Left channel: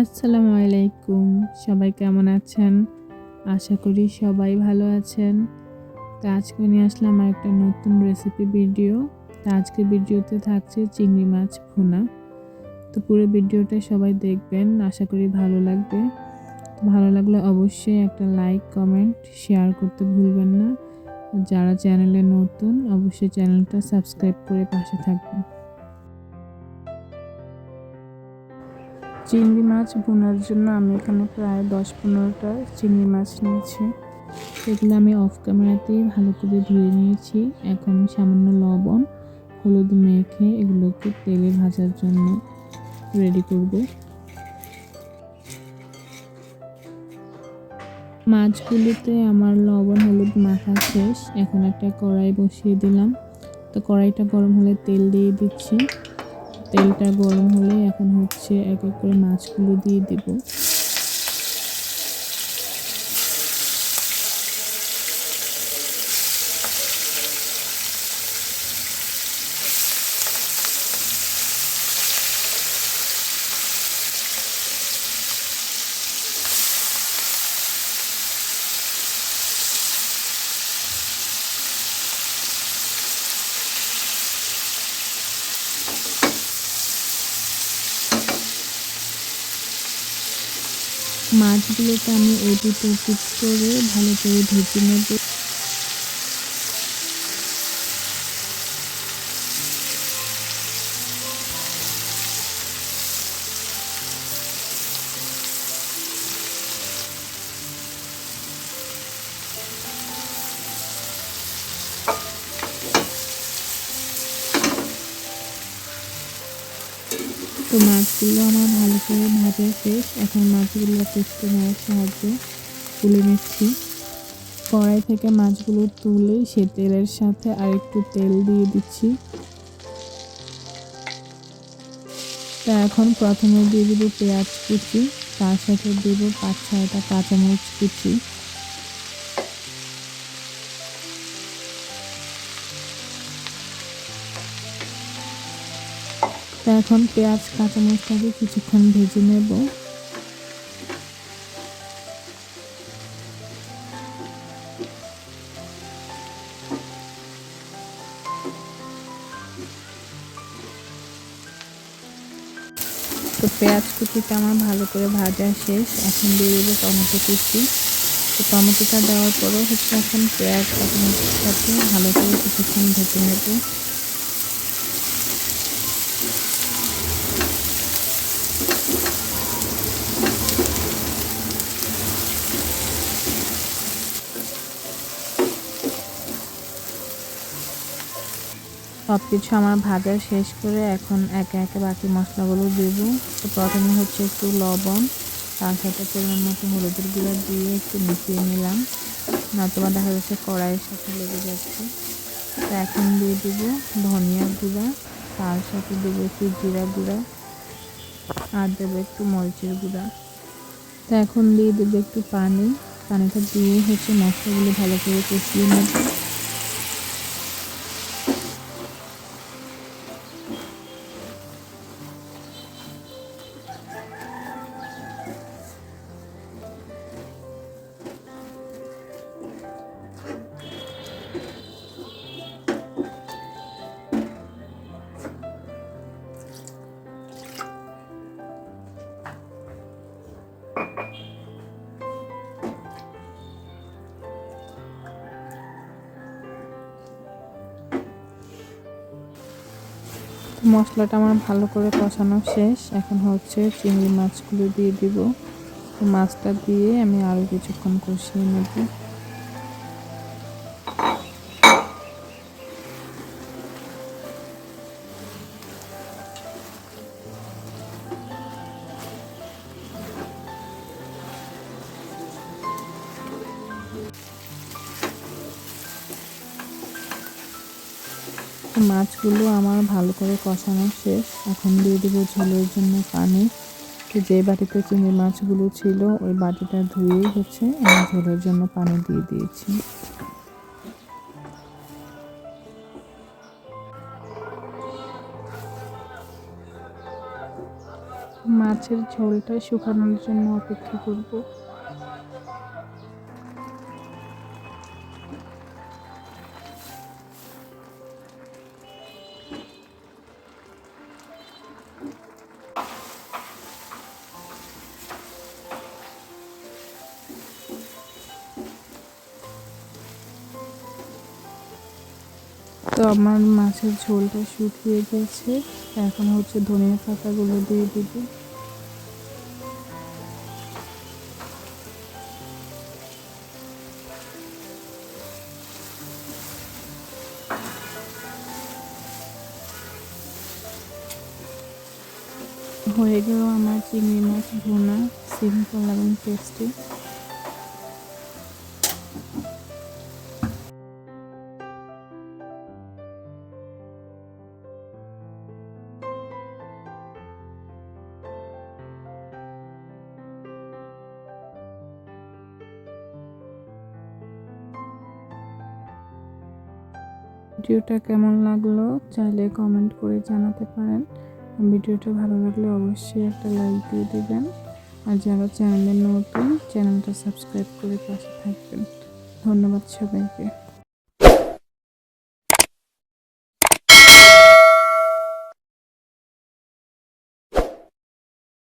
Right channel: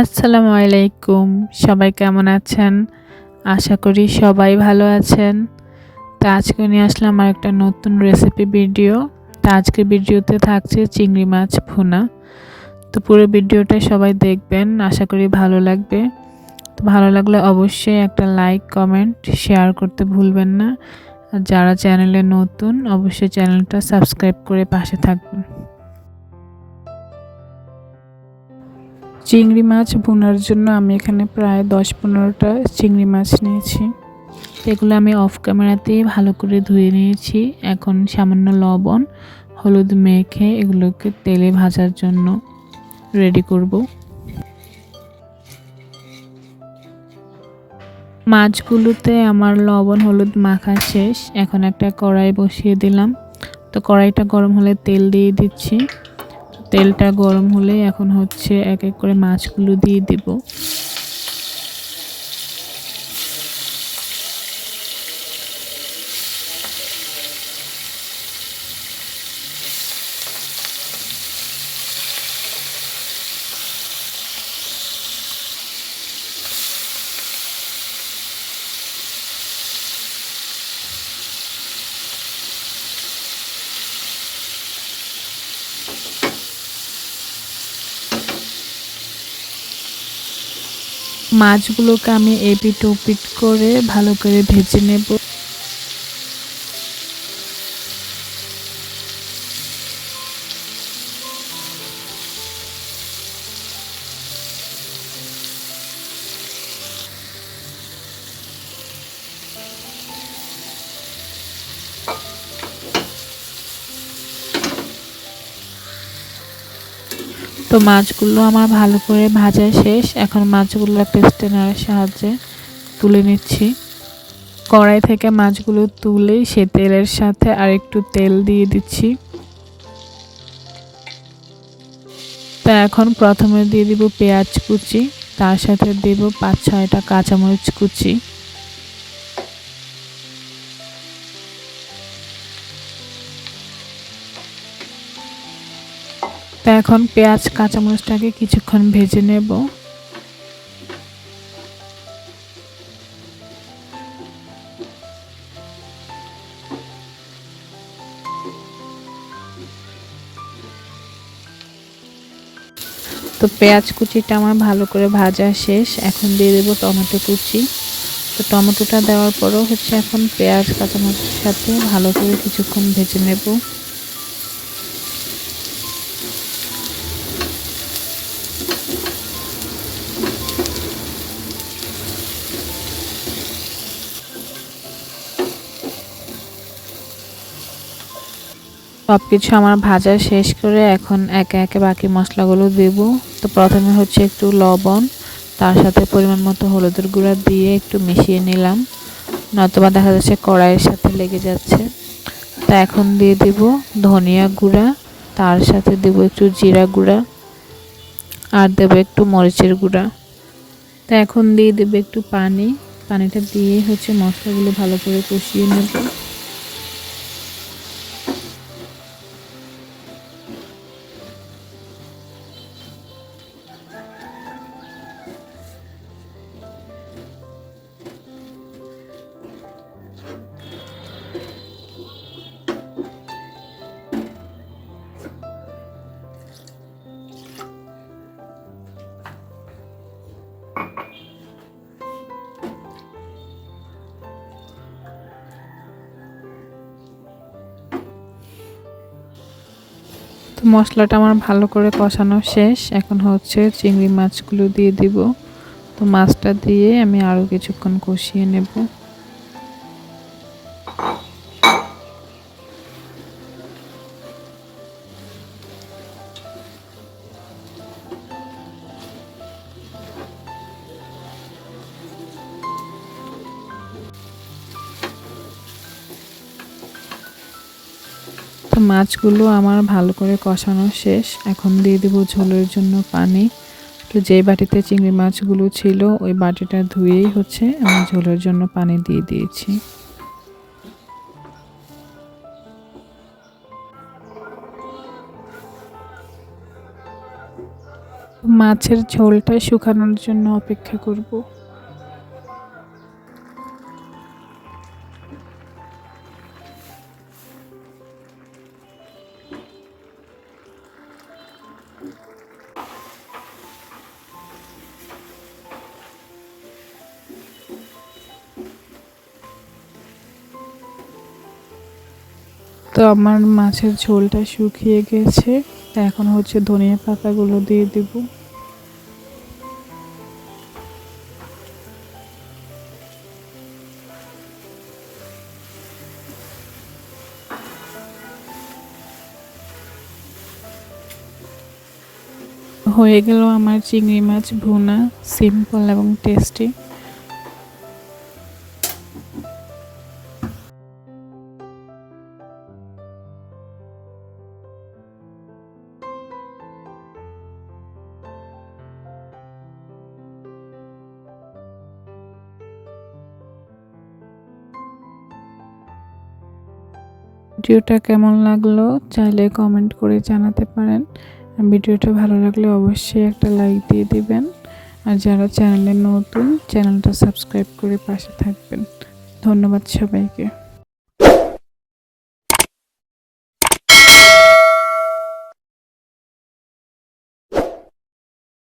আসসালামু আলাইকুম। সবাই কেমন আছেন? আশা করি সবাই ভালো আছেন। তো আজকে নিয়ে আসলাম আরেকটা নতুন রেসিপি ভিডিও। তো আজকের ভিডিওতে থাকছে চিংড়ি মাছ ভুনা। তো পুরো ভিডিওটা সবাই দেখবেন। আশা করি ভালো লাগবে। তো ভালো লাগলে অবশ্যই একটা লাইক, কমেন্ট, শেয়ার করতে ভুলবেন না। আর যারা চ্যানেলে নতুন অবশ্যই চ্যানেলটা সাবস্ক্রাইব করে পাশে থাকবেন। চিংড়ি মাছ ভুনার জন্য আমি এখানে প্রায় ১০-১৫টা চিংড়ি মাছ নিয়েছি। এগুলো আমি অফ ক্যামেরাতেই ভালো করে ধুয়ে নিয়েছি। এখন সামান্য লবণ, হলুদ মেখে এগুলোকে তেলে ভাজার জন্য রেডি করব। মাছগুলোতে আমার লবণ হলুদ মাখা শেষ। এখন একটা কড়াই বসিয়ে দিলাম। তো কড়াইটা গরম হলে তেল দিয়ে দিচ্ছি। তেলটা গরম হলে এখন হচ্ছে এক এক করে মাছগুলো দিয়ে দিব। মাছগুলোকে আমি এপিট ওপিট করে ভালো করে ভেজে নেব। তো মাছগুলো আমার ভালো করে ভাজা শেষ। এখন মাছগুলো একটা স্ট্রেনারের সাহায্যে তুলে নিচ্ছি। কড়াই থেকে মাছগুলো তুলে সে তেলের সাথে আর একটু তেল দিয়ে দিচ্ছি। তা এখন প্রথমে দিয়ে দিব পেঁয়াজ কুচি, তার সাথে দেব ৫-৬টা কাঁচামরিচ কুচি। তা এখন পেঁয়াজ কাঁচামরিচটাকে কিছুক্ষণ ভেজে নেব। তো পেঁয়াজ কুচিটা আমার ভালো করে ভাজা শেষ। এখন দিয়ে দেবো টমেটো কুচি। তো টমেটোটা দেওয়ার পরও হচ্ছে এখন পেঁয়াজ কাঁচামরিচের সাথে ভালো করে কিছুক্ষণ ভেজে নেব। সবকিছু আমার ভাজা শেষ করে এখন একে একে বাকি মশলাগুলো দেব। তো প্রথমে হচ্ছে একটু লবণ, তার সাথে পরিমাণ মতো হলুদের গুঁড়া দিয়ে একটু মিশিয়ে নিলাম, নয়তোবা দেখা যাচ্ছে কড়াইয়ের সাথে লেগে যাচ্ছে। তা এখন দিয়ে দেব ধনিয়া গুঁড়া, তার সাথে দেব একটু জিরা গুঁড়া, আর দেব একটু মরিচের গুঁড়া। তা এখন দিয়ে দেব একটু পানি। পানিটা দিয়ে হচ্ছে মশলাগুলো ভালো করে কষিয়ে নেব। তো মশলাটা আমার ভালো করে কষানো শেষ। এখন হচ্ছে চিংড়ি মাছগুলো দিয়ে দিব। তো মাছটা দিয়ে আমি আরও কিছুক্ষণ কষিয়ে নেব। তো মাছগুলো আমার ভালো করে কষানো শেষ। এখন দিয়ে দেবো ঝোলের জন্য পানি। তো যে বাটিতে চিংড়ি মাছগুলো ছিল ওই বাটিটা ধুয়েই হচ্ছে আমি ঝোলের জন্য পানি দিয়ে দিয়েছি। মাছের ঝোলটা শুকানোর জন্য অপেক্ষা করব। তো আমার মাছের ঝোলটা শুকিয়ে গেছে, এখন হচ্ছে ধনিয়া পাতাগুলো দিয়ে দেব। হয়ে গেল আমার চিংড়ি মাছ ভুনা, সিম্পল এবং টেস্টি। ভিডিওটা কেমন লাগলো চাইলে কমেন্ট করে জানাতে পারেন। ভিডিওটা ভালো লাগলে অবশ্যই একটা লাইক দিয়ে দিবেন, আর যারা চ্যানেলে নতুন চ্যানেলটা সাবস্ক্রাইব করে পাশে থাকবেন। ধন্যবাদ সবাইকে।